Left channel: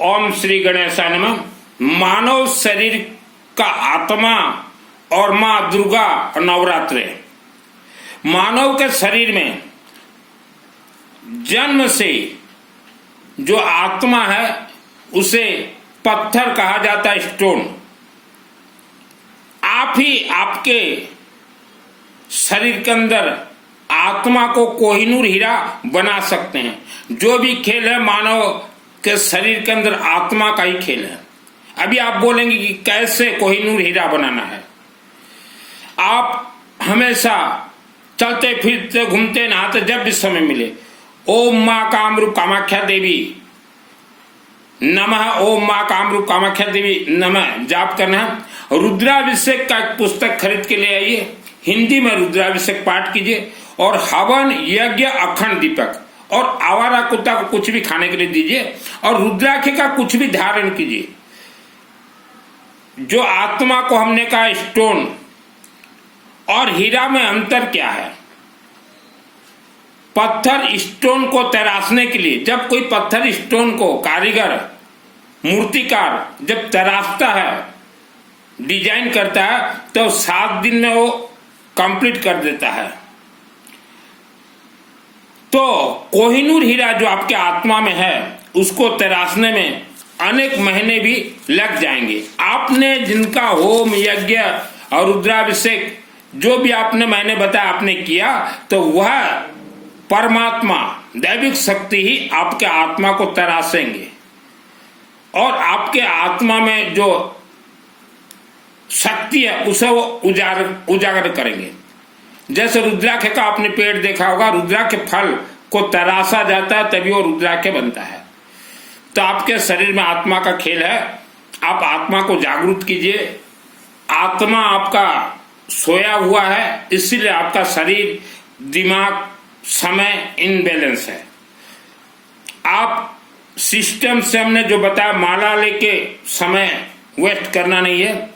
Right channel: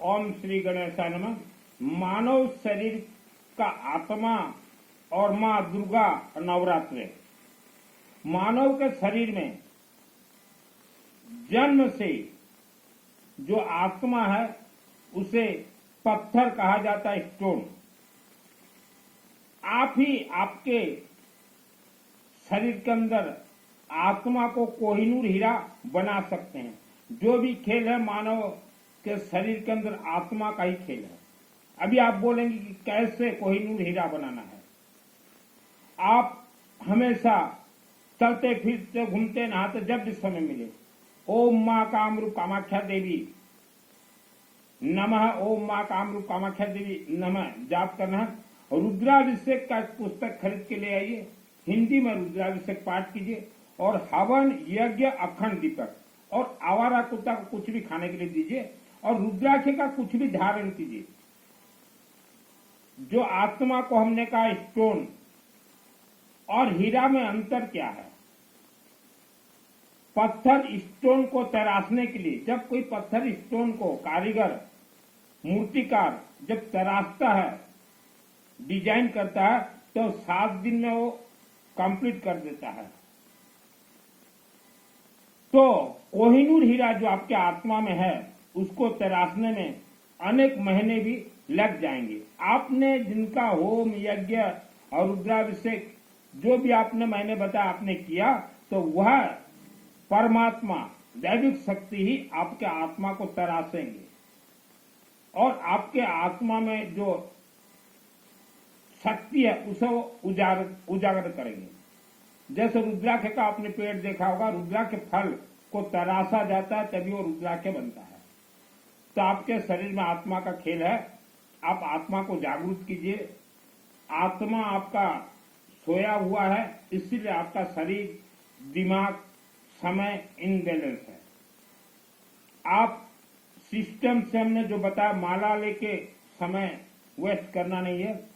ओम श्री गणेशाय नमः। मानव शरीर का आत्मा और माँ दुर्गा नवरात्रे। मानव के शरीर में जन्म से जो आत्मा है उसे पत्थर कहा जाता है, स्टोन। आप ही आपके शरीर के अंदर आत्मा को कोहिनूर हीरा बना सकते हैं। जो भी खेल है मानव के शरीर के अंदर आत्मा का ही खेल है। अभी आप बोलेंगे कि कैसे कोहिनूर हीरा बनाना है। आप हमेशा चलते फिरते घूमते नहाते जब भी समय मिले ओम माँ कामरूप कामाख्या देवी नमः, ओम माँ कामरूप कामाख्या देवी नमः जाप करना है। रुद्राभिषेक का एक पुस्तक खरीद के ले आइए, हिंदी में रुद्राभिषेक पाठ कीजिए और हवन यज्ञ अखंड दीपक और आवारा कुत्ता को कुछ भी खाने के लिए दीजिए और रुद्राक्ष का कुछ भी धारण कीजिए। जो आत्मा को हमने कहा स्टोन और हीरा में अंतर क्या है? पत्थर स्टोन को तराशने के लिए, जब कोई पत्थर स्टोन को कारीगर मूर्तिकार जब तराशता है, डिजाइन करता है, तो 7 दिन में वो कंप्लीट कर देता है। तो कोहिनूर हीरा जो आपके आत्मा में है उसको तराशने में अनेक महीने भी लग जाएंगे। आपने जिनका होम यज्ञ और रुद्राभिषेक जो भी आपने मैंने बताया आपने किया, तो वह परमात्मा दैविक शक्ति ही आपके आत्मा को तराशेंगे और आपके आत्मा में जो शक्ति है उसे वो उजागर करेंगे। जैसे रुद्राक्ष का आपने पेड़ देखा होगा, रुद्राक्ष फल को तराशा जाता है तभी वो रुद्राक्ष बनता है। तो आपके शरीर में आत्मा का खेल है। आप आत्मा को जागरूक कीजिए। आत्मा आपका सोया हुआ है, इसीलिए आपका शरीर दिमाग समय इनबैलेंस है। आप सिस्टम से हमने जो बताया माला लेके समय वेस्ट करना नहीं है।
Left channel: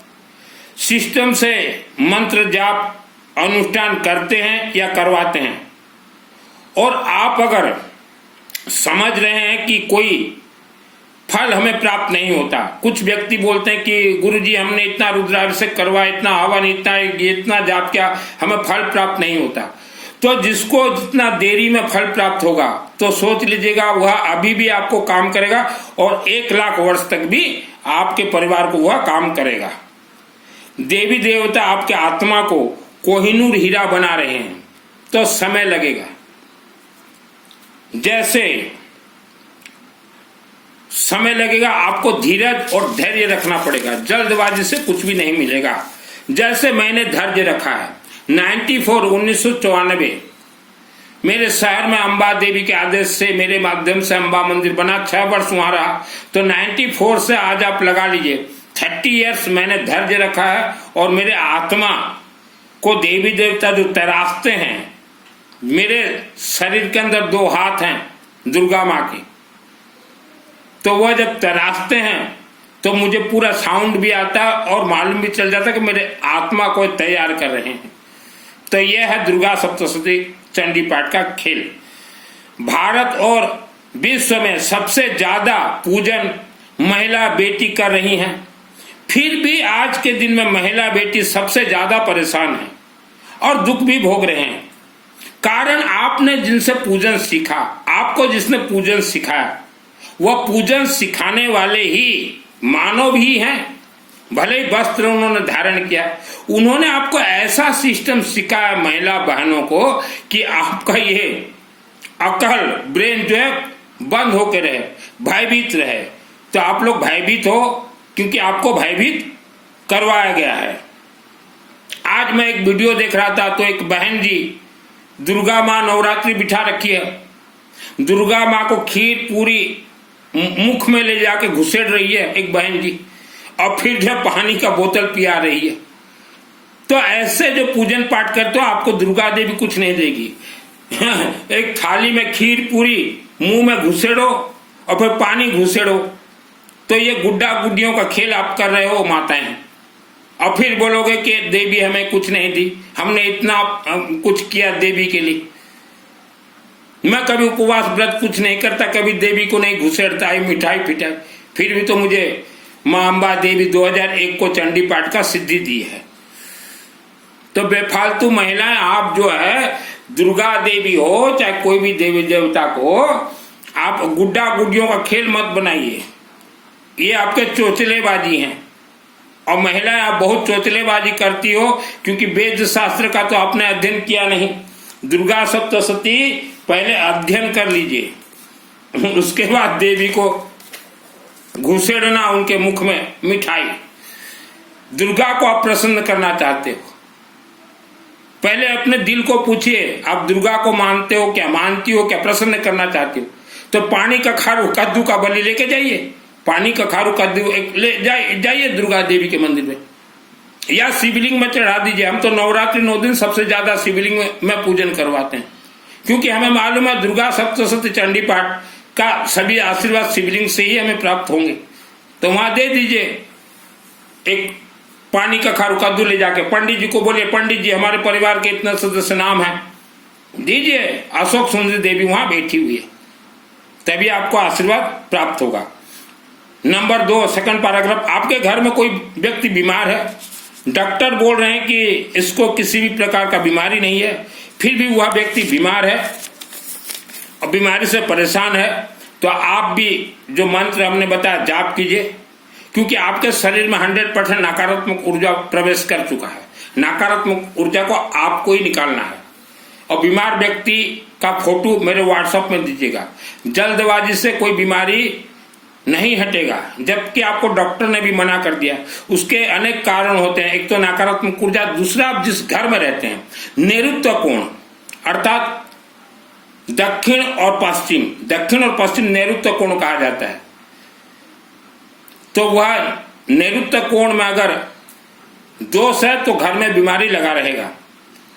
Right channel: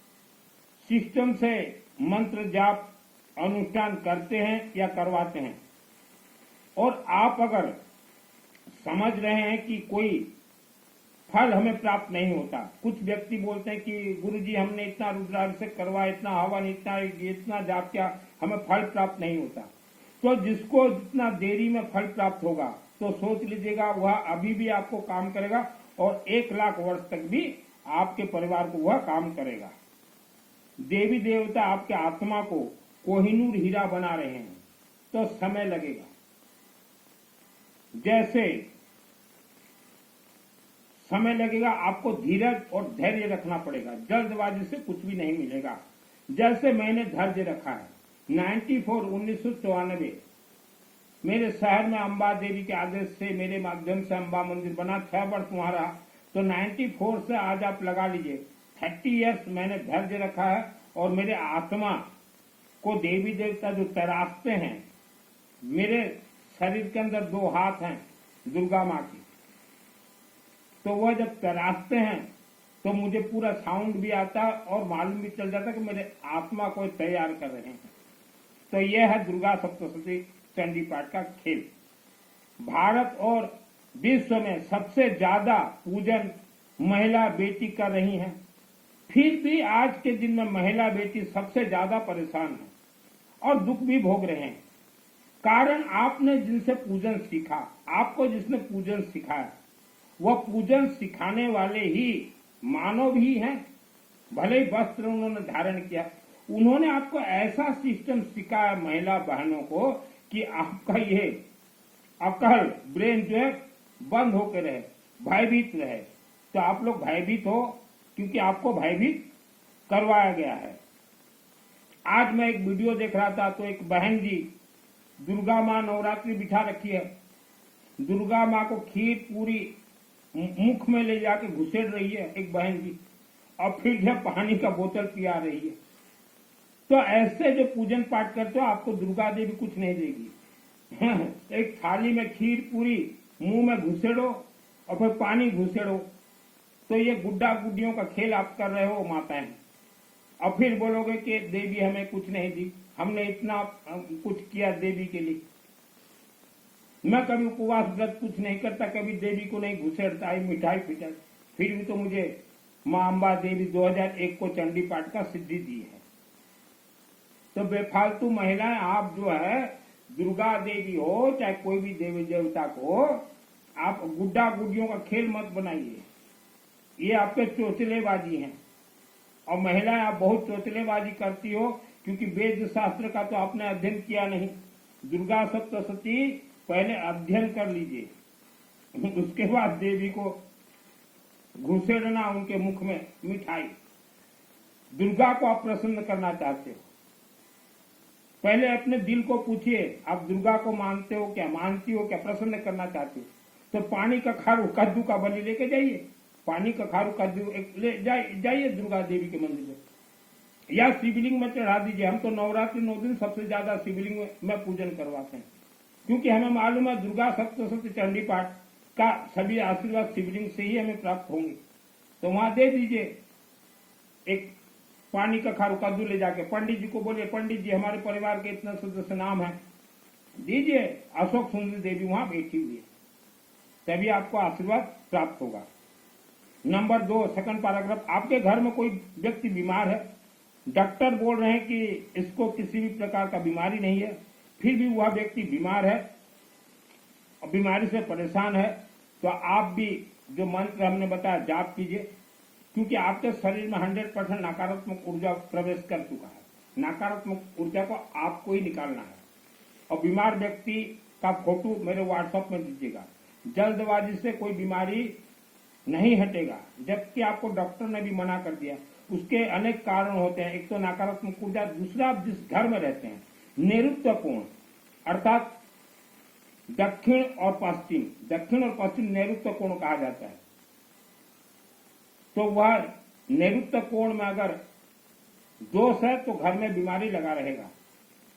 सिस्टम से मंत्र जाप अनुष्ठान करते हैं या करवाते हैं। और आप अगर समझ रहे हैं कि कोई फल हमें प्राप्त नहीं होता, कुछ व्यक्ति बोलते हैं कि गुरुजी हमने इतना रुद्राभिषेक करवाया, इतना हवन, इतना जाप किया, हमें फल प्राप्त नहीं होता। तो जिसको जितना देरी में फल प्राप्त होगा तो सोच लीजिएगा वह अभी भी आपको काम करेगा और 1 लाख वर्ष तक भी आपके परिवार को वह काम करेगा। देवी देवता आपके आत्मा को कोहिनूर हीरा बना रहे हैं तो समय लगेगा। जैसे समय लगेगा, आपको धीरज और धैर्य रखना पड़ेगा। जल्दबाजी से कुछ भी नहीं मिलेगा। जैसे मैंने धैर्य रखा है 1994 मेरे शहर में अंबा देवी के आदेश से मेरे माध्यम से अंबा मंदिर बना, 6 वर्ष वहां रहा। तो 94 से आज आप लगा लीजिए 30 इयर्स मैंने धैर्य रखा है और मेरे आत्मा को देवी देवता जो तराशते हैं, मेरे शरीर के अंदर 2 हाथ हैं दुर्गा माँ के, तो वह जब तराशते हैं तो मुझे पूरा साउंड भी आता है और मालूम भी चल जाता है कि मेरे आत्मा को तैयार कर रहे हैं। तो यह है दुर्गा सप्तशती चंडी पाठ का खेल। भारत और विश्व में सबसे ज्यादा पूजन महिला बेटी कर रही हैं, फिर भी आज के दिन में महिला बेटी सबसे ज्यादा परेशान है और दुख भी भोग रहे हैं। कारण आपने जिनसे पूजन सीखा, आपको जिसने पूजन सिखाया, वह पूजन सिखाने वाले ही मानव ही हैं। भले ही वस्त्र उन्होंने धारण किया, उन्होंने आपको ऐसा सिस्टम सिखाया महिला बहनों को कि आपका ये अकल ब्रेन जो है बंद होकर रहे, भयभीत रहे। तो आप लोग भयभीत हो क्योंकि आपको भयभीत करवाया गया है। आज मैं एक वीडियो देख रहा था तो एक बहन जी दुर्गा माँ नवरात्रि बिठा रखी है, दुर्गा माँ को खीर पूरी मुख में ले जाके घुसेड़ रही है एक बहन जी, और फिर जो पानी का बोतल पिया रही है। तो ऐसे जो पूजन पाठ करते हो आपको दुर्गा देवी कुछ नहीं देगी। एक थाली में खीर पूरी मुंह में घुसेड़ो और फिर पानी घुसेड़ो, तो ये गुड्डा गुड्डियों का खेल आप कर रहे हो माताएं। और फिर बोलोगे कि देवी हमें कुछ नहीं दी, हमने इतना कुछ किया देवी के लिए। मैं कभी उपवास व्रत कुछ नहीं करता, कभी देवी को नहीं घुसेड़ता है मिठाई फिटाई, फिर भी तो मुझे माँ अम्बा देवी 2001 को चंडी पाठ का सिद्धि दी है। तो बेफालतू महिलाएं, आप जो है दुर्गा देवी हो चाहे कोई भी देवी देवता को, आप गुड्डा गुड्डियों का खेल मत बनाइए। ये आपके चोचलेबाजी हैं। और महिलाएं, आप बहुत चोचलेबाजी करती हो क्योंकि वेद शास्त्र का तो आपने अध्ययन किया नहीं। दुर्गा सप्तशती पहले अध्ययन कर लीजिए, उसके बाद देवी को घुसेड़ना उनके मुख में मिठाई। दुर्गा को आप प्रसन्न करना चाहते हो, पहले अपने दिल को पूछिए, आप दुर्गा को मानते हो क्या, मानती हो क्या, प्रसन्न करना चाहती हो? तो पानी का खारू कद्दू का बलि लेके जाइए, पानी का खारू कद्दू ले जाइए दुर्गा देवी के मंदिर में, या शिवलिंग में चढ़ा दीजिए। हम तो नवरात्रि 9 दिन सबसे ज्यादा शिवलिंग में पूजन करवाते हैं, क्योंकि हमें मालूम है दुर्गा सप्तशती चंडी पाठ का सभी आशीर्वाद शिवलिंग से ही हमें प्राप्त होंगे। तो वहां दे दीजिए एक पानी का खारू कद्दू ले जाके, पंडित जी को बोलिए, पंडित जी हमारे परिवार के इतने सदस्य नाम है, दीजिए। अशोक सुंदरी देवी वहां बैठी हुई है, तभी आपको आशीर्वाद प्राप्त होगा। नंबर 2, सेकंड पैराग्राफ, आपके घर में कोई व्यक्ति बीमार है, डॉक्टर बोल रहे हैं कि इसको किसी भी प्रकार का बीमारी नहीं है, फिर भी वह व्यक्ति बीमार है और बीमारी से परेशान है, तो आप भी जो मंत्र हमने बताया जाप कीजिए, क्योंकि आपके शरीर में 100% नकारात्मक ऊर्जा प्रवेश कर चुका है। नकारात्मक ऊर्जा को आपको ही निकालना है। और बीमार व्यक्ति का फोटो मेरे व्हाट्सएप में दीजिएगा। जल्दबाजी से कोई बीमारी नहीं हटेगा, जबकि आपको डॉक्टर ने भी मना कर दिया। उसके अनेक कारण होते हैं, एक तो नकारात्मक ऊर्जा, दूसरा आप जिस घर में रहते हैं नैऋत्य कोण, अर्थात दक्षिण और पश्चिम नैऋत्य कोण कहा जाता है। तो वह नैऋत्य कोण में अगर दोष है तो घर में बीमारी लगा रहेगा।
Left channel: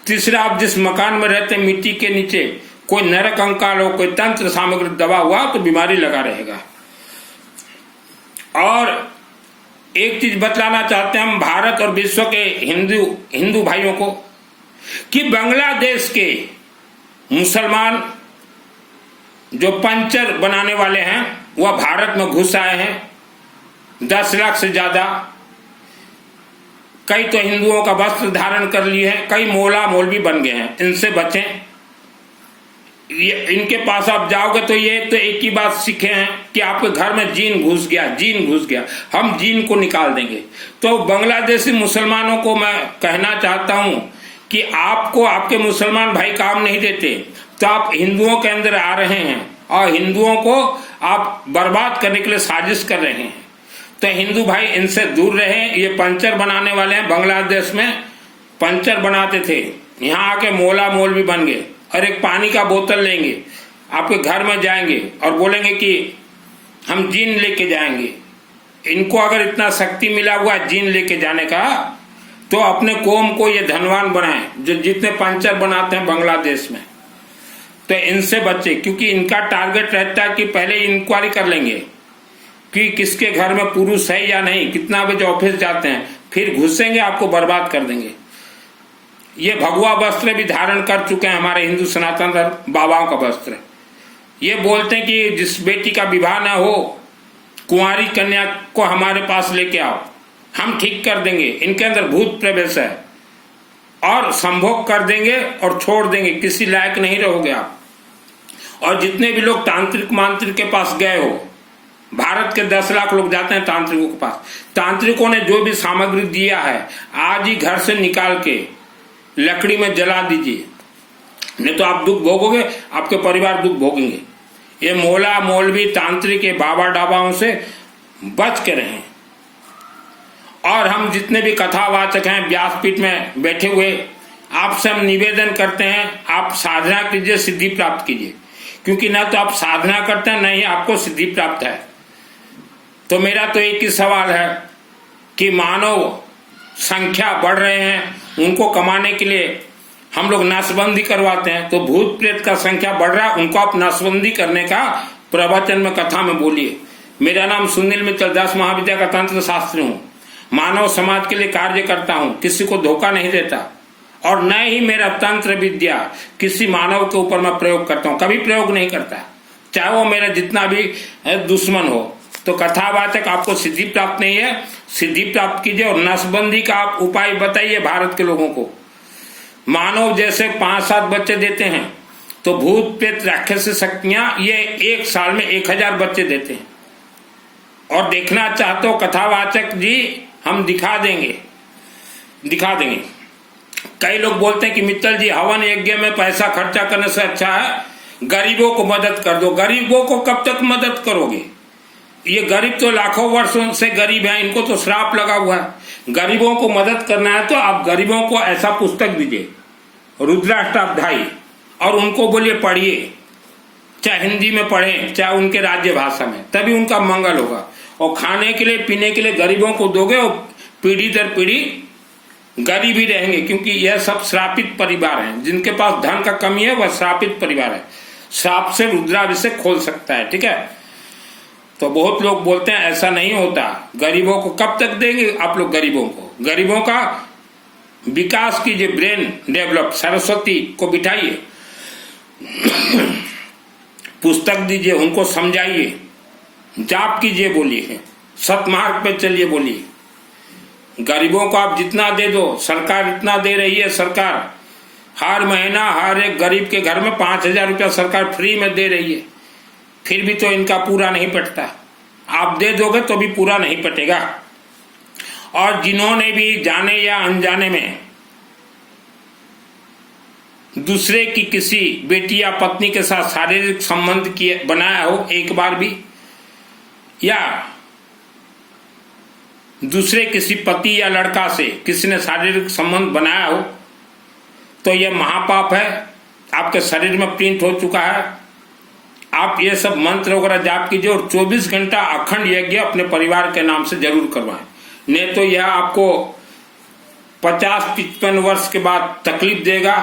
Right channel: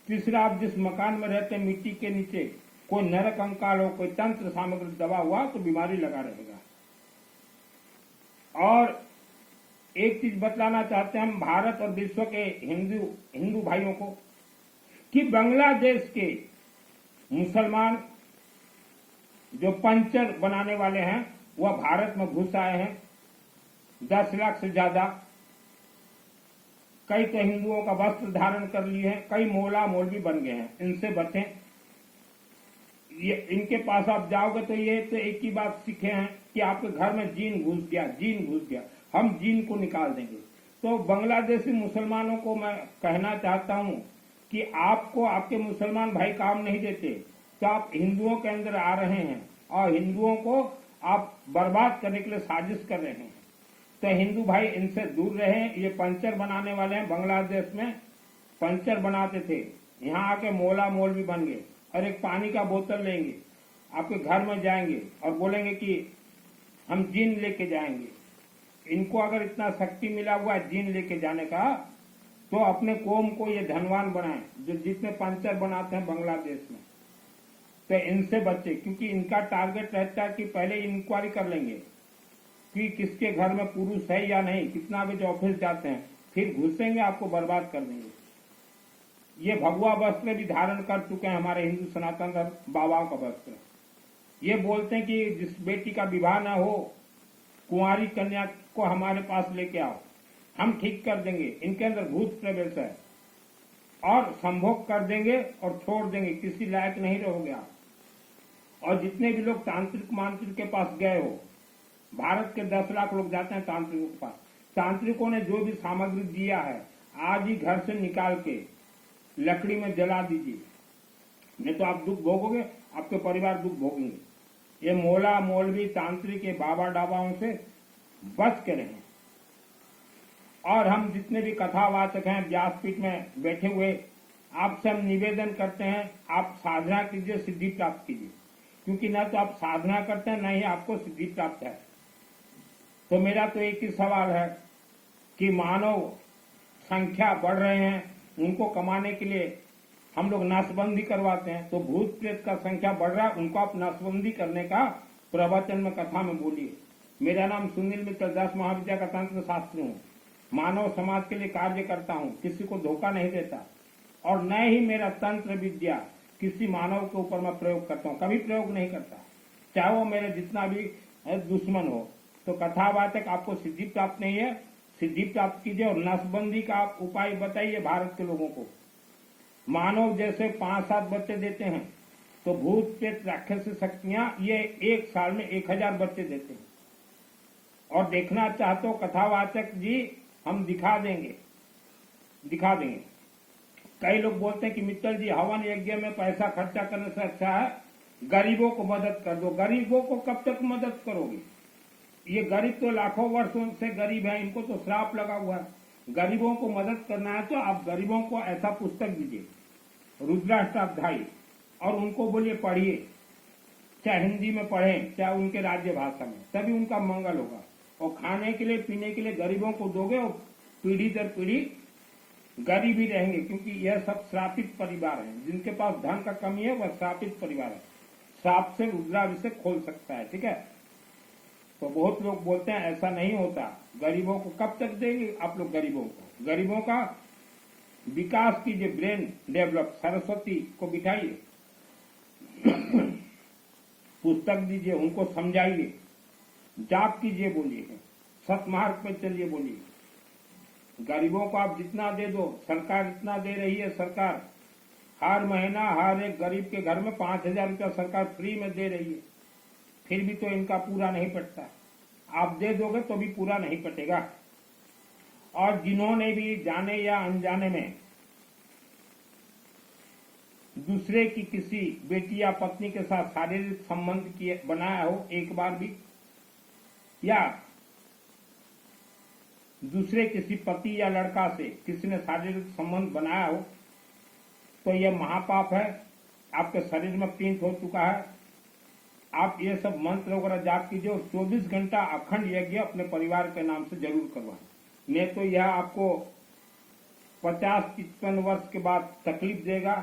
तीसरा, आप जिस मकान में रहते हैं मिट्टी के नीचे कोई नरक कंकाल हो, कोई तंत्र सामग्री दबा हुआ तो बीमारी लगा रहेगा। और एक चीज बतलाना चाहते हैं हम भारत और विश्व के हिंदू भाइयों को कि बांग्लादेश के मुसलमान जो पंचर बनाने वाले हैं वह भारत में घुस आए हैं, 10 लाख से ज्यादा। कई तो हिंदुओं का वस्त्र धारण कर लिए हैं, कई मौला मौलवी बन गए हैं। इनसे बचें। इनके पास आप जाओगे तो ये तो एक ही बात सीखे हैं कि आपके घर में जीन घुस गया, हम जीन को निकाल देंगे। तो बांग्लादेशी मुसलमानों को मैं कहना चाहता हूं कि आपको आपके मुसलमान भाई काम नहीं देते, तो आप हिंदुओं के अंदर आ रहे हैं और हिंदुओं को आप बर्बाद करने के लिए साजिश कर रहे हैं। तो हिंदू भाई इनसे दूर रहें। ये पंचर बनाने वाले हैं, बांग्लादेश में पंचर बनाते थे, यहाँ आके मौला मौलवी बन गए। और एक पानी का बोतल लेंगे, आपके घर में जाएंगे और बोलेंगे कि हम जीन लेके जाएंगे। इनको अगर इतना शक्ति मिला हुआ जीन लेके जाने का, तो अपने कौम को ये धनवान बनाएं जो जितने पंचर बनाते हैं बांग्लादेश में। तो इनसे बचे, क्योंकि इनका टारगेट रहता है कि पहले इंक्वायरी कर लेंगे कि किसके घर में पुरुष है या नहीं, कितना बजे ऑफिस जाते हैं, फिर घुसेंगे, आपको बर्बाद कर देंगे। ये भगवा वस्त्र भी धारण कर चुके हैं हमारे हिंदू सनातन धर्म बाबाओं का वस्त्र। ये बोलते हैं कि जिस बेटी का विवाह न हो, कुंवारी कन्या को हमारे पास लेके आओ, हम ठीक कर देंगे। इनके अंदर भूत प्रवेश है और संभोग कर देंगे और छोड़ देंगे, किसी लायक नहीं रहोगे आप। और जितने भी लोग तांत्रिक मांत्रिक के पास गए हो, भारत के 10 लाख लोग जाते हैं तांत्रिकों के पास, तांत्रिकों ने जो भी सामग्री दिया है आज ही घर से निकाल के लकड़ी में जला दीजिए, नहीं तो आप दुख भोगोगे, आपके परिवार दुख भोगेंगे। ये मौला मौलवी तांत्रिक के बाबा डाबाओं से बच के रहें। और हम जितने भी कथावाचक हैं व्यासपीठ में बैठे हुए, आपसे हम निवेदन करते हैं, आप साधना कीजिए, सिद्धि प्राप्त कीजिए, क्योंकि ना तो आप साधना करते हैं, ना ही आपको सिद्धि प्राप्त है। तो मेरा तो एक ही सवाल है कि मानव संख्या बढ़ रहे हैं, उनको कमाने के लिए हम लोग नसबंदी करवाते हैं, तो भूत प्रेत का संख्या बढ़ रहा है, उनको आप नसबंदी करने का प्रवचन में कथा में बोलिए। मेरा नाम सुनील मित्तल, 10 महाविद्या का तंत्र शास्त्री हूँ, मानव समाज के लिए कार्य करता हूँ, किसी को धोखा नहीं देता, और न ही मेरा तंत्र विद्या किसी मानव के ऊपर मैं प्रयोग करता हूँ, कभी प्रयोग नहीं करता, चाहे वो मेरा जितना भी दुश्मन हो। तो कथावाचक आपको सिद्धि प्राप्त नहीं है, सिद्धि प्राप्त कीजिए और नसबंदी का आप उपाय बताइए भारत के लोगों को। मानव जैसे 5-7 बच्चे देते हैं, तो भूत प्रेत राक्षस शक्तियां ये 1 साल में 1000 बच्चे देते हैं। और देखना चाहते हो कथावाचक जी, हम दिखा देंगे। कई लोग बोलते हैं कि मित्तल जी हवन यज्ञ में पैसा खर्चा करने से अच्छा है गरीबों को मदद कर दो। गरीबों को कब तक मदद करोगे? ये गरीब तो लाखों वर्षों से गरीब हैं, इनको तो श्राप लगा हुआ है। गरीबों को मदद करना है तो आप गरीबों को ऐसा पुस्तक दीजिए, रुद्राष्टाध्यायी, और उनको बोलिए पढ़िए, चाहे हिंदी में पढ़ें चाहे उनके राज्य भाषा में, तभी उनका मंगल होगा। और खाने के लिए पीने के लिए गरीबों को दोगे और पीढ़ी दर पीढ़ी गरीब ही रहेंगे, क्योंकि यह सब श्रापित परिवार हैं। जिनके पास धन का कमी है वह श्रापित परिवार है। श्राप से रुद्राभिषेक खोल सकता है, ठीक है। तो बहुत लोग बोलते हैं ऐसा नहीं होता, गरीबों को कब तक देंगे आप लोग? गरीबों का विकास कीजिए, ब्रेन डेवलप, सरस्वती को बिठाइए, पुस्तक दीजिए, उनको समझाइए, जाप कीजिए, बोलिए, सतमार्ग पे चलिए, बोलिए। गरीबों को आप जितना दे दो, सरकार इतना दे रही है, सरकार हर महीना हर एक गरीब के घर में 5000 रुपया सरकार फ्री में दे रही है, फिर भी तो इनका पूरा नहीं पटता। आप दे दोगे तो भी पूरा नहीं पटेगा। और जिन्होंने भी जाने या अनजाने में दूसरे की किसी बेटी या पत्नी के साथ शारीरिक संबंध बनाया हो एक बार भी, या दूसरे किसी पति या लड़का से किसी ने शारीरिक संबंध बनाया हो, तो यह महापाप है, आपके शरीर में प्रिंट हो चुका है। आप ये सब मंत्र वगैरह जाप कीजिए और 24 घंटा अखंड यज्ञ अपने परिवार के नाम से जरूर करवाएं, नहीं तो यह आपको 50-55 वर्ष के बाद तकलीफ देगा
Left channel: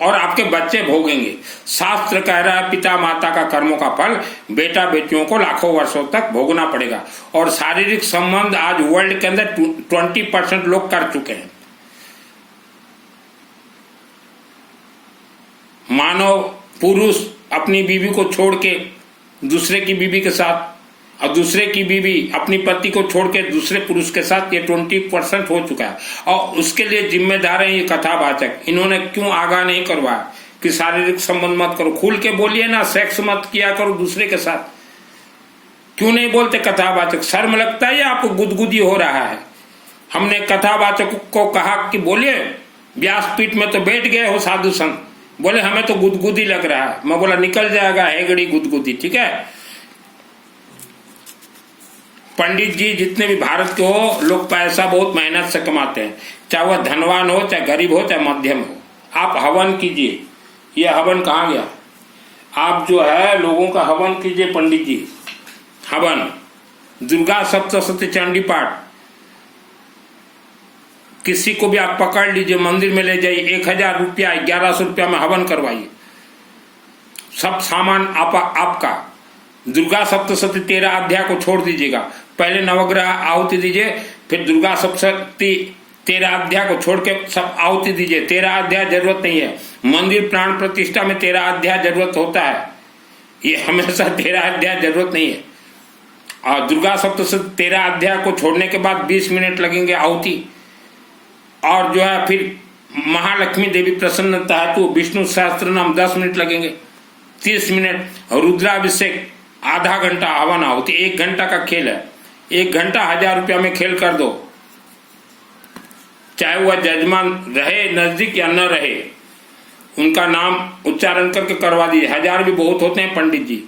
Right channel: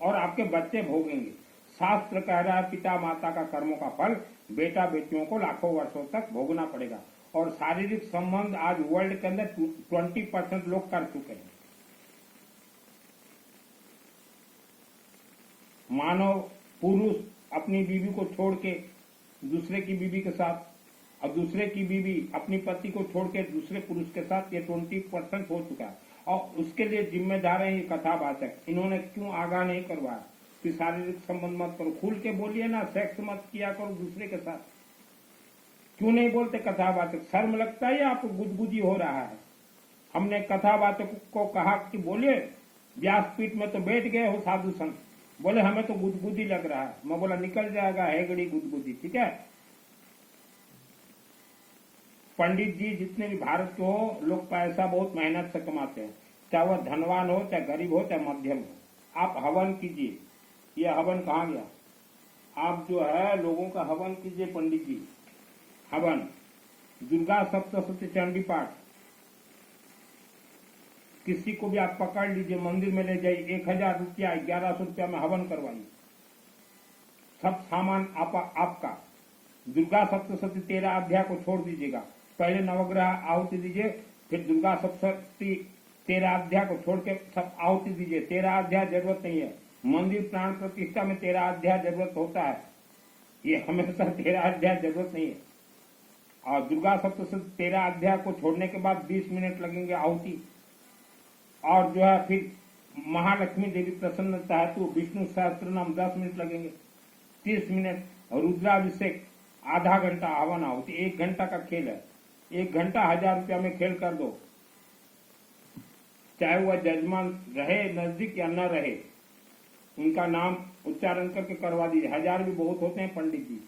और आपके बच्चे भोगेंगे। शास्त्र कह रहा है पिता माता का कर्मों का फल बेटा बेटियों को लाखों वर्षों तक भोगना पड़ेगा। और शारीरिक संबंध आज वर्ल्ड के अंदर 20% लोग कर चुके हैं। मानव पुरुष अपनी बीवी को छोड़ के दूसरे की बीवी के साथ, और दूसरे की बीवी अपनी पति को छोड़ के दूसरे पुरुष के साथ, ये 20% हो चुका है। और उसके लिए जिम्मेदार है ये कथावाचक। इन्होंने क्यों आगाह नहीं करवाया कि शारीरिक संबंध मत करो? खुल के बोलिए ना, सेक्स मत किया करो दूसरे के साथ। क्यों नहीं बोलते कथावाचक? शर्म लगता है या आपको गुदगुदी हो रहा है? हमने कथावाचक को कहा कि बोलिए, व्यासपीठ में तो बैठ गए हो साधु संत, बोले हमें तो गुदगुदी लग रहा है। मैं बोला निकल जाएगा हेगड़ी गुदगुदी, ठीक है। पंडित जी जितने भी भारत के हो, लोग पैसा बहुत मेहनत से कमाते हैं, चाहे वह धनवान हो चाहे गरीब हो चाहे मध्यम हो। आप हवन कीजिए। यह हवन कहाँ गया? आप जो है लोगों का हवन कीजिए पंडित जी। हवन, दुर्गा सप्तशती चंडी पाठ, किसी को भी आप पकड़ लीजिए, मंदिर में ले जाइए, 1000 रुपया 1100 रुपया में हवन करवाइए। सब सामान आपका। दुर्गा सप्तशती 13 अध्याय को छोड़ दीजिएगा। पहले नवग्रह आहुति दीजिए, फिर दुर्गा सप्तशती 13 अध्याय को छोड़ के सब आहुति दीजिए। 13 अध्याय जरूरत नहीं है। मंदिर प्राण प्रतिष्ठा में 13 अध्याय जरूरत होता है, ये हमेशा 13 अध्याय जरूरत नहीं है। और दुर्गा सप्तशती 13 अध्याय को छोड़ने के बाद 20 मिनट लगेंगे आहुति। और जो है फिर महालक्ष्मी देवी प्रसन्नता है तो विष्णु सहस्त्र नाम 10 मिनट लगेंगे, 30 मिनट। रुद्राभिषेक आधा घंटा, हवन आहुति 1 घंटा का खेल है। 1 घंटा 1000 रुपया में खेल कर दो, चाहे वह जजमान रहे नजदीक या न रहे, उनका नाम उच्चारण करके करवा दीजिए। 1000 भी बहुत होते हैं पंडित जी,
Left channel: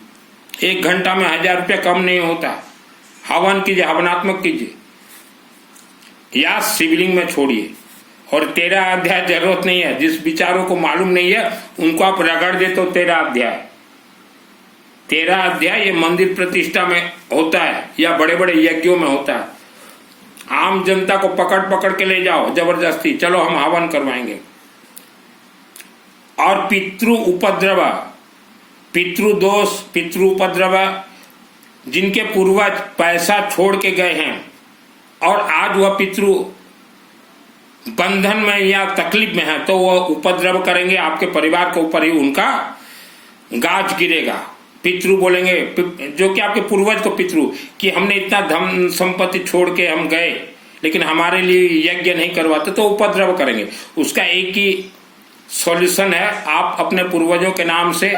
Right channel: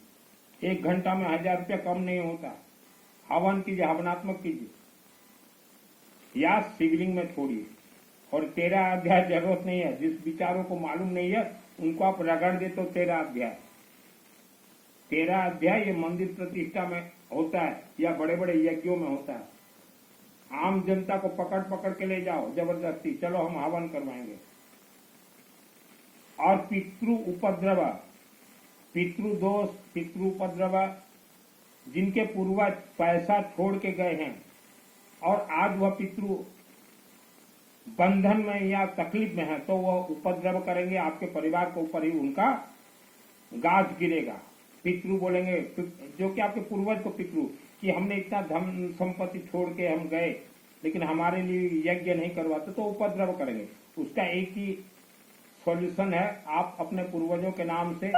1 घंटा में 1000 रुपया कम नहीं होता। हवन कीजिए, हवनात्मक कीजिए, या शिवलिंग में छोड़िए। और 13 अध्याय जरूरत नहीं है। जिस विचारों को मालूम नहीं है उनको आप रगड़ देते हो। 13 अध्याय ये मंदिर प्रतिष्ठा में होता है या बड़े बड़े यज्ञों में होता है। आम जनता को पकड़ पकड़ के ले जाओ जबरदस्ती, चलो हम हवन करवाएंगे। और पितृ उपद्रव, पितृदोष, पितृ उपद्रव, जिनके पूर्वज पैसा छोड़ के गए हैं और आज वह पितृ बंधन में या तकलीफ में है, तो वह उपद्रव करेंगे, आपके परिवार के ऊपर ही उनका गाज गिरेगा। पितृ बोलेंगे, जो कि आपके पूर्वज को पितृ, कि हमने इतना धन संपत्ति छोड़ के हम गए लेकिन हमारे लिए यज्ञ नहीं करवाते, तो उपद्रव करेंगे। उसका एक ही सॉल्यूशन है, आप अपने पूर्वजों के नाम से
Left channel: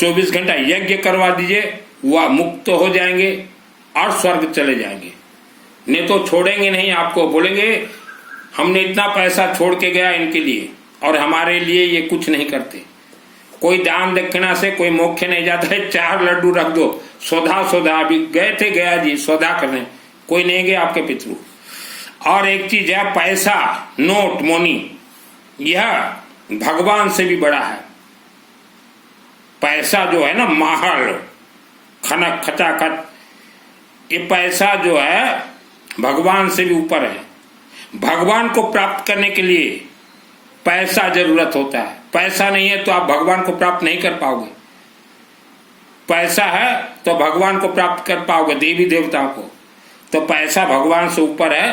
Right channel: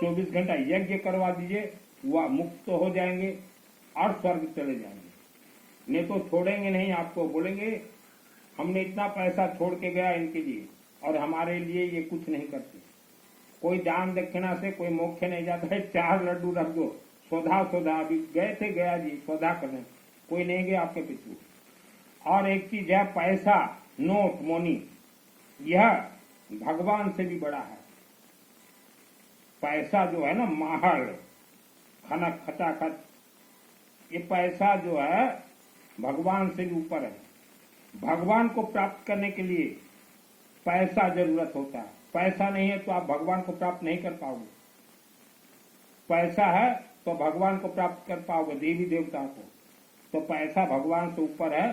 24 घंटा यज्ञ करवा दीजिए, वह मुक्त हो जाएंगे और स्वर्ग चले जाएंगे। नहीं तो छोड़ेंगे नहीं, आपको बोलेंगे हमने इतना पैसा छोड़ के गया इनके लिए और हमारे लिए ये कुछ नहीं करते। कोई दान दक्षिणा से कोई मोक्ष नहीं जाता है, 4 लड्डू रख दो, सौदा अभी गए थे गया जी सौदा करने, कोई नहीं गए आपके पितृ। और एक चीज है पैसा, नोट, मोनी, यह भगवान से भी बड़ा है। पैसा जो है ना, महल, खनक, खचाखच, ये पैसा जो है भगवान से भी ऊपर है। भगवान को प्राप्त करने के लिए पैसा जरूरत होता है, पैसा नहीं है तो आप भगवान को प्राप्त नहीं कर पाओगे। पैसा है तो भगवान को प्राप्त कर पाओगे, देवी देवताओं को। तो पैसा भगवान से ऊपर है,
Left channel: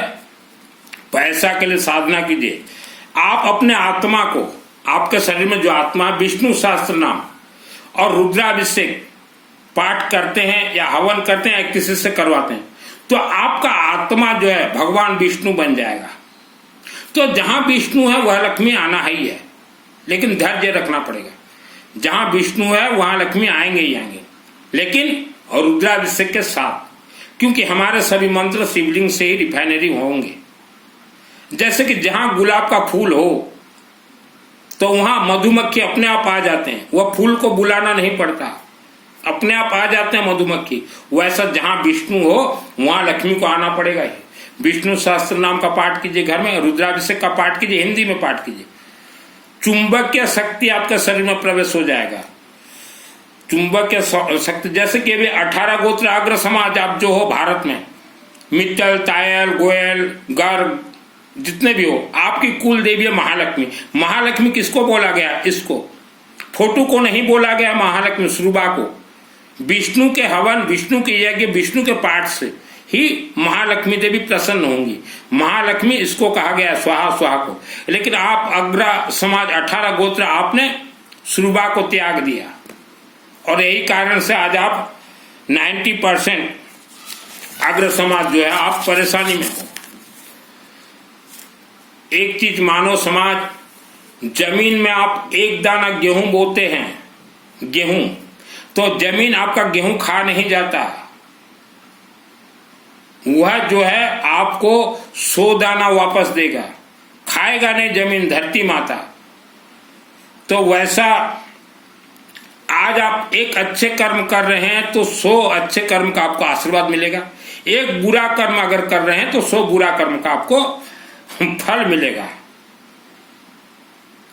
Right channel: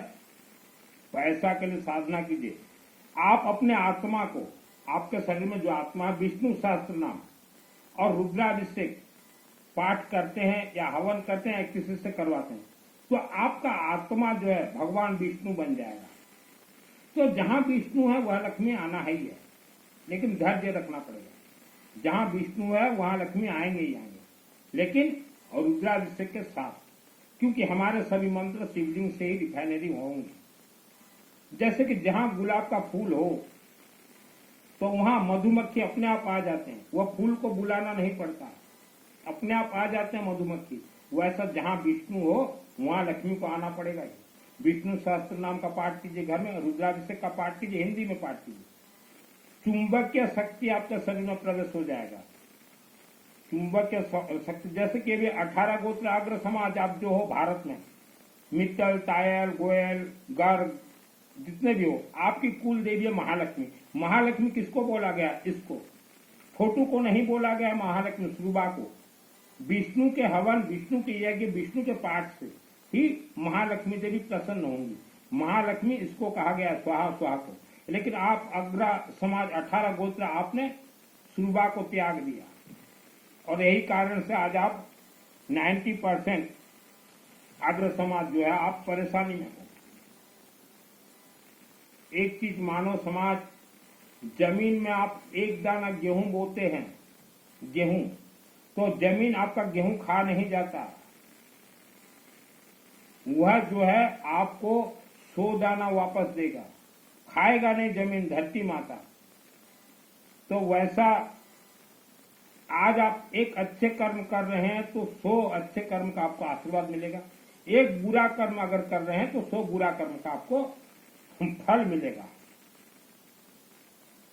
पैसा के लिए साधना कीजिए। आप अपने आत्मा को, आपके शरीर में जो आत्मा, विष्णु सहस्त्र नाम और रुद्राभिषेक पाठ करते हैं या हवन करते हैं या किसी से करवाते हैं, तो आपका आत्मा जो है भगवान विष्णु बन जाएगा। तो जहां विष्णु है वह लक्ष्मी आना ही है, लेकिन धैर्य रखना पड़ेगा। जहां विष्णु है वहां लक्ष्मी आएंगे ही आएंगे, लेकिन और रुद्राभिषेक के साथ, क्योंकि हमारे सभी मंत्र शिवलिंग से ही रिफाइनरी होंगे। जैसे कि जहां गुलाब का फूल हो तो वहां मधुमक्खी अपने आप आ जाते हैं, वह फूल को बुलाना नहीं पड़ता, अपने आप आ जाते हैं मधुमक्खी। वैसा जहां विष्णु हो वहां लक्ष्मी को आना पड़ेगा ही। विष्णु सहस्त्र नाम का पाठ कीजिए घर में, रुद्राभिषेक का पाठ कीजिए, हिंदी में पाठ कीजिए। चुंबकीय शक्ति आपके शरीर में प्रवेश हो जाएगा। चुंबकीय शक्ति, जैसे कि अभी 18 गोत्र अग्र समाज आप जो हो भारत में, मित्तल, तायल, गोयल, गर्ग, जितने भी हो, आपकी कुल देवी है महालक्ष्मी। महालक्ष्मी किसको बोला गया? इसको, फोटो को नहीं बोला गया महालक्ष्मी, सुरबा को। विष्णु के हवन, विष्णु के यज्ञ, विष्णु के पाठ से ही महालक्ष्मी देवी प्रसन्न होंगी। महालक्ष्मी इसको कहा गया स्वाहा स्वाहा को। लेकिन आप अग्र समाज 18 गोत्र आपने सुरबा को त्याग दिया, और यही कारण से आज आप 90% अग्र समाज जो है आप परेशानी में हो। एक चीज मानो समाज, जमीन में आप एक दाना गेहूं बोते हैं, गेहूं, तो जमीन आपका गेहूं खा नहीं जाता, वह जो है आपको 100 दाना वापस देगा, खाएगा नहीं जमीन, धरती माता। तो वैसा आज आप एक अच्छे कर्म कर रहे हैं तो 100 अच्छे कर्म का आपको आशीर्वाद मिलेगा। एक बुरा कर्म अगर कर रहे हैं तो 100 बुरा कर्म का आपको फल मिलेगा।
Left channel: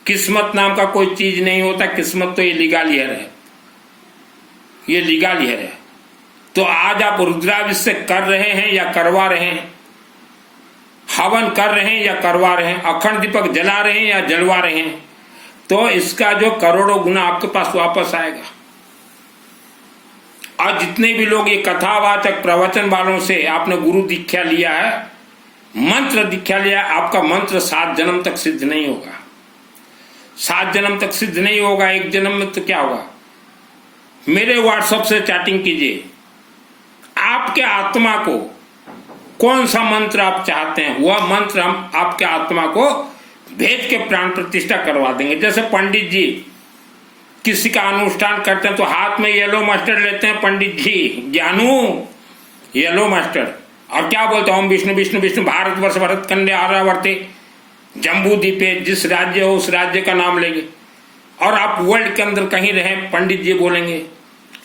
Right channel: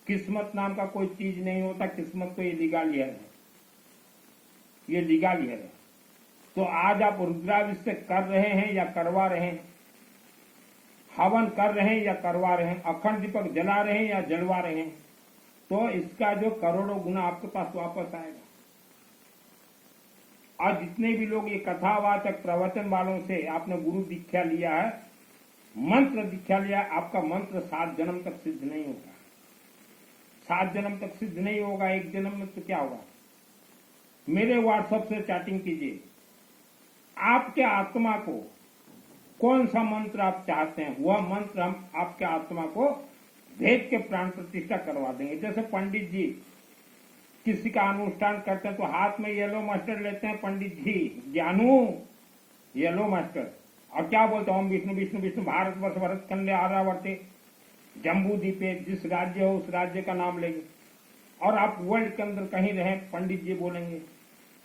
किस्मत नाम का कोई चीज नहीं होता, किस्मत तो ये लीगालियर है, ये लीगालियर है। तो आज आप रुद्राभिषेक कर रहे हैं या करवा रहे हैं, हवन कर रहे हैं या करवा रहे हैं, अखंड दीपक जला रहे हैं या जलवा रहे हैं, तो इसका जो करोड़ों गुना आपके पास वापस आएगा। और जितने भी लोग ये कथावाचक प्रवचन वालों से आपने गुरु दीक्षा लिया है, मंत्र दीक्षा लिया, आपका मंत्र 7 जन्म तक सिद्ध नहीं होगा। 7 जन्म तक सिद्ध नहीं होगा, 1 जन्म में तो क्या होगा। मेरे व्हाट्सएप से चैटिंग कीजिए, आपके आत्मा को कौन सा मंत्र आप चाहते हैं, वह मंत्र हम आपके आत्मा को भेज के प्राण प्रतिष्ठा करवा देंगे। जैसे पंडित जी किसी का अनुष्ठान करते हैं तो हाथ में येलो मस्टर्ड लेते हैं पंडित जी, ज्ञानू येलो मस्टर्ड, और क्या बोलते हैं, ओम विष्णु विष्णु विष्णु भारतवर्ष भरत कन्या आर्यावर्ते जम्बू द्वीपे, जिस राज्य हो उस राज्य का नाम लेंगे। और आप वर्ल्ड के अंदर कहीं रहे, पंडित जी बोलेंगे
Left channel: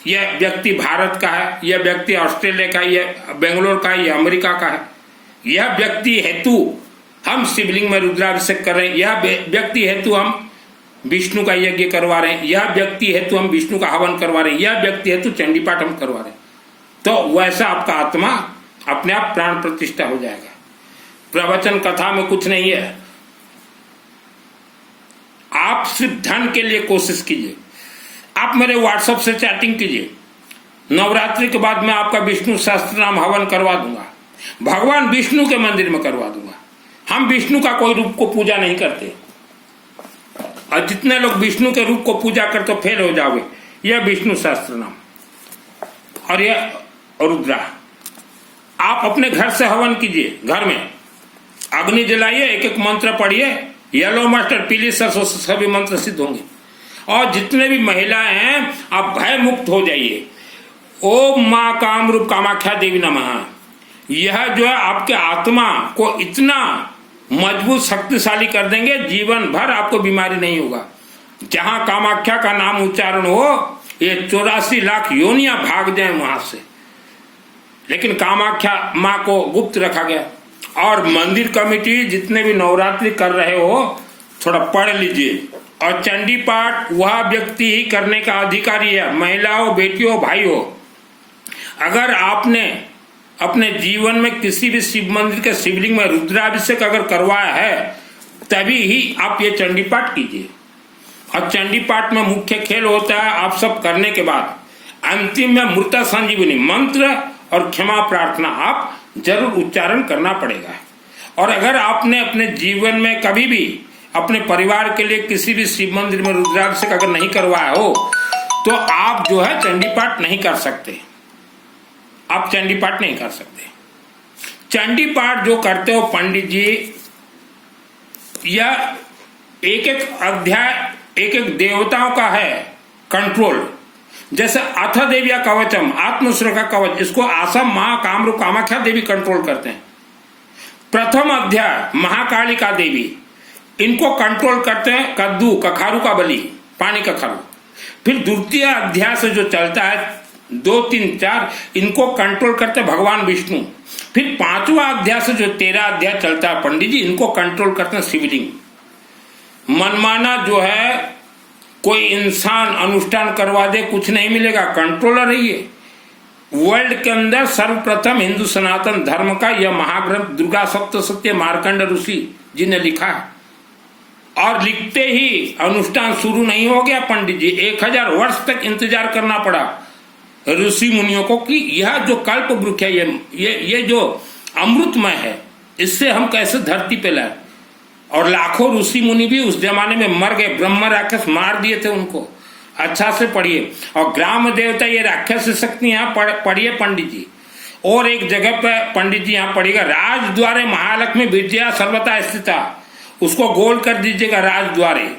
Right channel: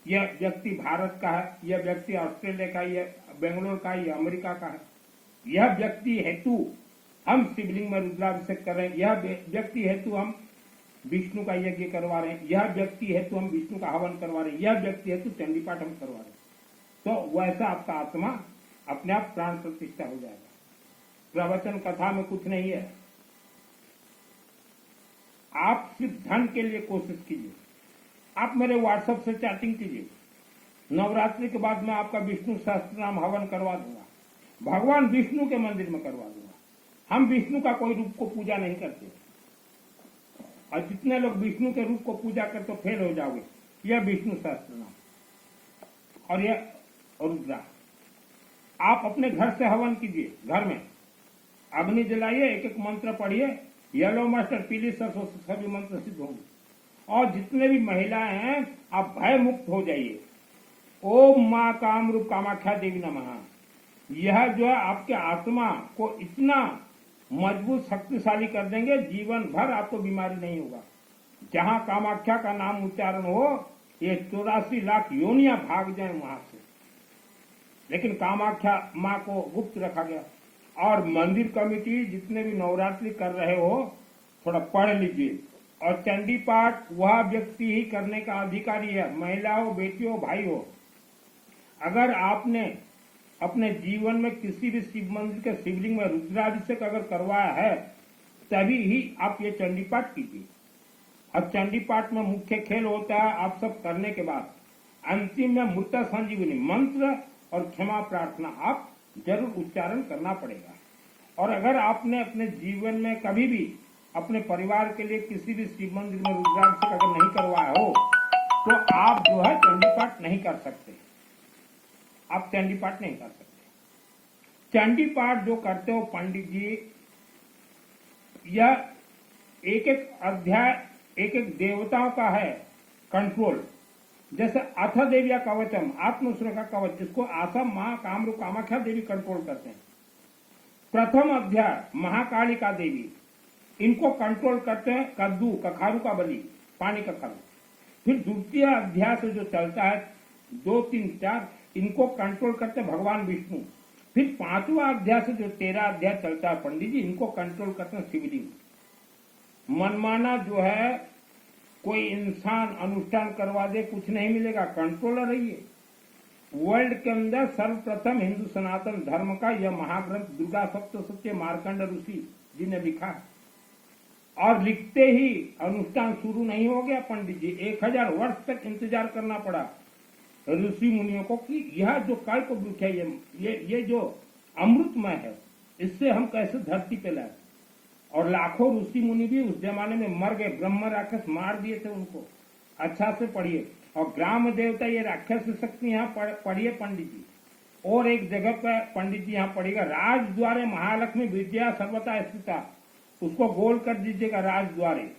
यह व्यक्ति भारत का है, यह व्यक्ति ऑस्ट्रेलिया का, यह बेंगलोर का, यह अमेरिका का है, यह व्यक्ति हेतु हम शिवलिंग में रुद्राभिषेक कर रहे हैं, यह व्यक्ति हेतु हम विष्णु का यज्ञ करवा रहे हैं, यह व्यक्ति हेतु हम विष्णु का हवन करवा रहे हैं, यह व्यक्ति हेतु चंडी पाठ हम करवा रहे हैं। तो वैसा आपका आत्मा अपने आप प्राण प्रतिष्ठा हो जाएगा। प्रवचन कथा में कुछ नहीं है, आप सिर्फ धन के लिए कोशिश कीजिए। आप मेरे व्हाट्सएप से चैटिंग कीजिए, नवरात्रि के बाद मैं आपका विष्णु सहस्त्र नाम हवन करवा दूंगा, भगवान विष्णु के मंदिर में करवा दूंगा। हम विष्णु का कोई रूप को पूजा नहीं करते, और जितने लोग विष्णु के रूप को पूजा करते फेल हो जाओगे। यह विष्णु सहस्त्र नाम और यह रुद्रा। आप अपने घर से हवन कीजिए, घर में अग्नि जलाइए, एक एक मंत्र पढ़िए, येलो मस्टर्ड, पीली सरसों से सभी मंत्र सिद्ध होंगे। और जितने भी महिलाएं हैं आप भय मुक्त हो जाइए। ओम माँ कामरूप कामाख्या देवी नमः। यह जो है आपके आत्मा को इतना मजबूत शक्तिशाली कर देंगे, जीवन भर आपको बीमारी नहीं होगा। जहां कामाख्या का नाम उच्चारण हो, ये 84 लाख योनियां भाग जाए वहां से, लेकिन कामाख्या माँ को गुप्त रखा गया। और मंदिर कमेटी जितने भी नवरात्रि कर रहे हो, थोड़ा पढ़ लीजिए। और चंडी पाठ वह व्यक्ति ही करने का अधिकारी है, महिलाओं, बेटियों, भाइयों। अगर आपने अपने जीवन में किसी भी शिव मंदिर के शिवलिंग में रुद्राभिषेक अगर करवाया है, तभी ही आप ये चंडी पाठ कीजिए। और चंडी पाठ में मुख्य खेल होता है, आप सब करने के बाद अंतिम में मृता संजीवनी मंत्र और क्षमा प्रार्थना आप जरूर उच्चारण करना पड़ेगा। और अगर आपने अपने जीवन में कभी भी अपने परिवार के लिए किसी भी शिव मंदिर में रुद्राभिषेक अगर नहीं करवाया हो, तो आप जो है चंडी पाठ नहीं कर सकते। आप चंडी पाठ नहीं कर सकते। चंडी पाठ जो करते हो पंडित जी, यह एक एक अध्याय एक एक देवताओं का है कंट्रोल। जैसे अथ देविया कवचम, आत्मसुरक्षा कवच, इसको आसम मां कामरूप कामाख्या देवी कंट्रोल करते हैं। प्रथम अध्याय महाकालिका देवी, इनको कंट्रोल करते हैं कद्दू कखारू का बलि, पानी कखारू। फिर द्वितीय अध्याय से जो चलता है 2, 3, 4, इनको कंट्रोल करते हैं भगवान विष्णु। फिर 5वां अध्याय से जो 13 अध्याय चलता है पंडित जी, इनको कंट्रोल करते हैं शिवलिंग। मनमाना जो है कोई इंसान अनुष्ठान करवा दे, कुछ नहीं मिलेगा, कंट्रोलर है ये। वर्ल्ड के अंदर सर्वप्रथम हिंदू सनातन धर्म का यह महाग्रंथ दुर्गा सप्तशती मार्कंड ऋषि जी ने लिखा है। और लिखते ही अनुष्ठान शुरू नहीं हो गया पंडित जी, 1000 वर्ष तक इंतजार करना पड़ा ऋषि मुनियों को कि यह जो कल्प वृक्ष है, ये जो अमृतमय है, इससे हम कैसे धरती पे लाए। और लाखों ऋषि मुनि भी उस जमाने में मर गए, ब्रह्म राक्षस मार दिए थे उनको। अच्छा से पढ़िए। और ग्राम देवता ये राक्षस शक्ति यहाँ पढ़िए पंडित जी। और एक जगह पे पंडित जी यहाँ पढ़िएगा, राजद्वारे महालक्ष्मी विद्या सर्वथा स्थिता, उसको गोल कर दीजिएगा राजद्वारे,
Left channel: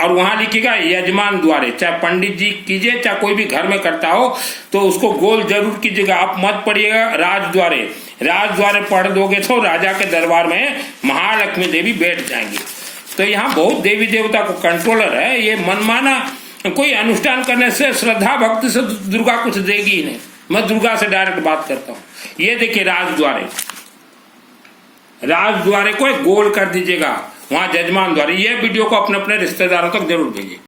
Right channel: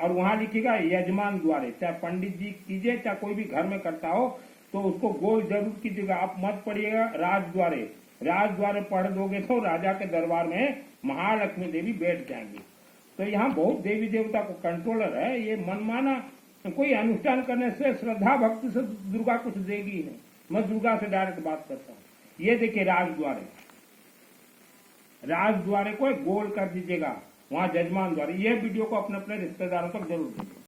और वहां लिखिएगा यजमान द्वारे। चाहे पंडित जी कीजिए चाहे कोई भी घर में करता हो, तो उसको गोल जरूर कीजिएगा। आप मत पढ़िएगा राजद्वारे। राजद्वारे पढ़ दोगे तो राजा के दरबार में महालक्ष्मी देवी बैठ जाएंगी। तो यहाँ बहुत देवी देवता को कंट्रोलर है। ये मनमाना कोई अनुष्ठान करने से, श्रद्धा भक्ति से दुर्गा कुछ देगी ही नहीं। मैं दुर्गा से डायरेक्ट बात करता हूँ। ये देखिए राजद्वारे, राजद्वारे को गोल कर दीजिएगा, वहां जजमान द्वारे। ये वीडियो को अपने अपने रिश्तेदारों तक जरूर भेजिए।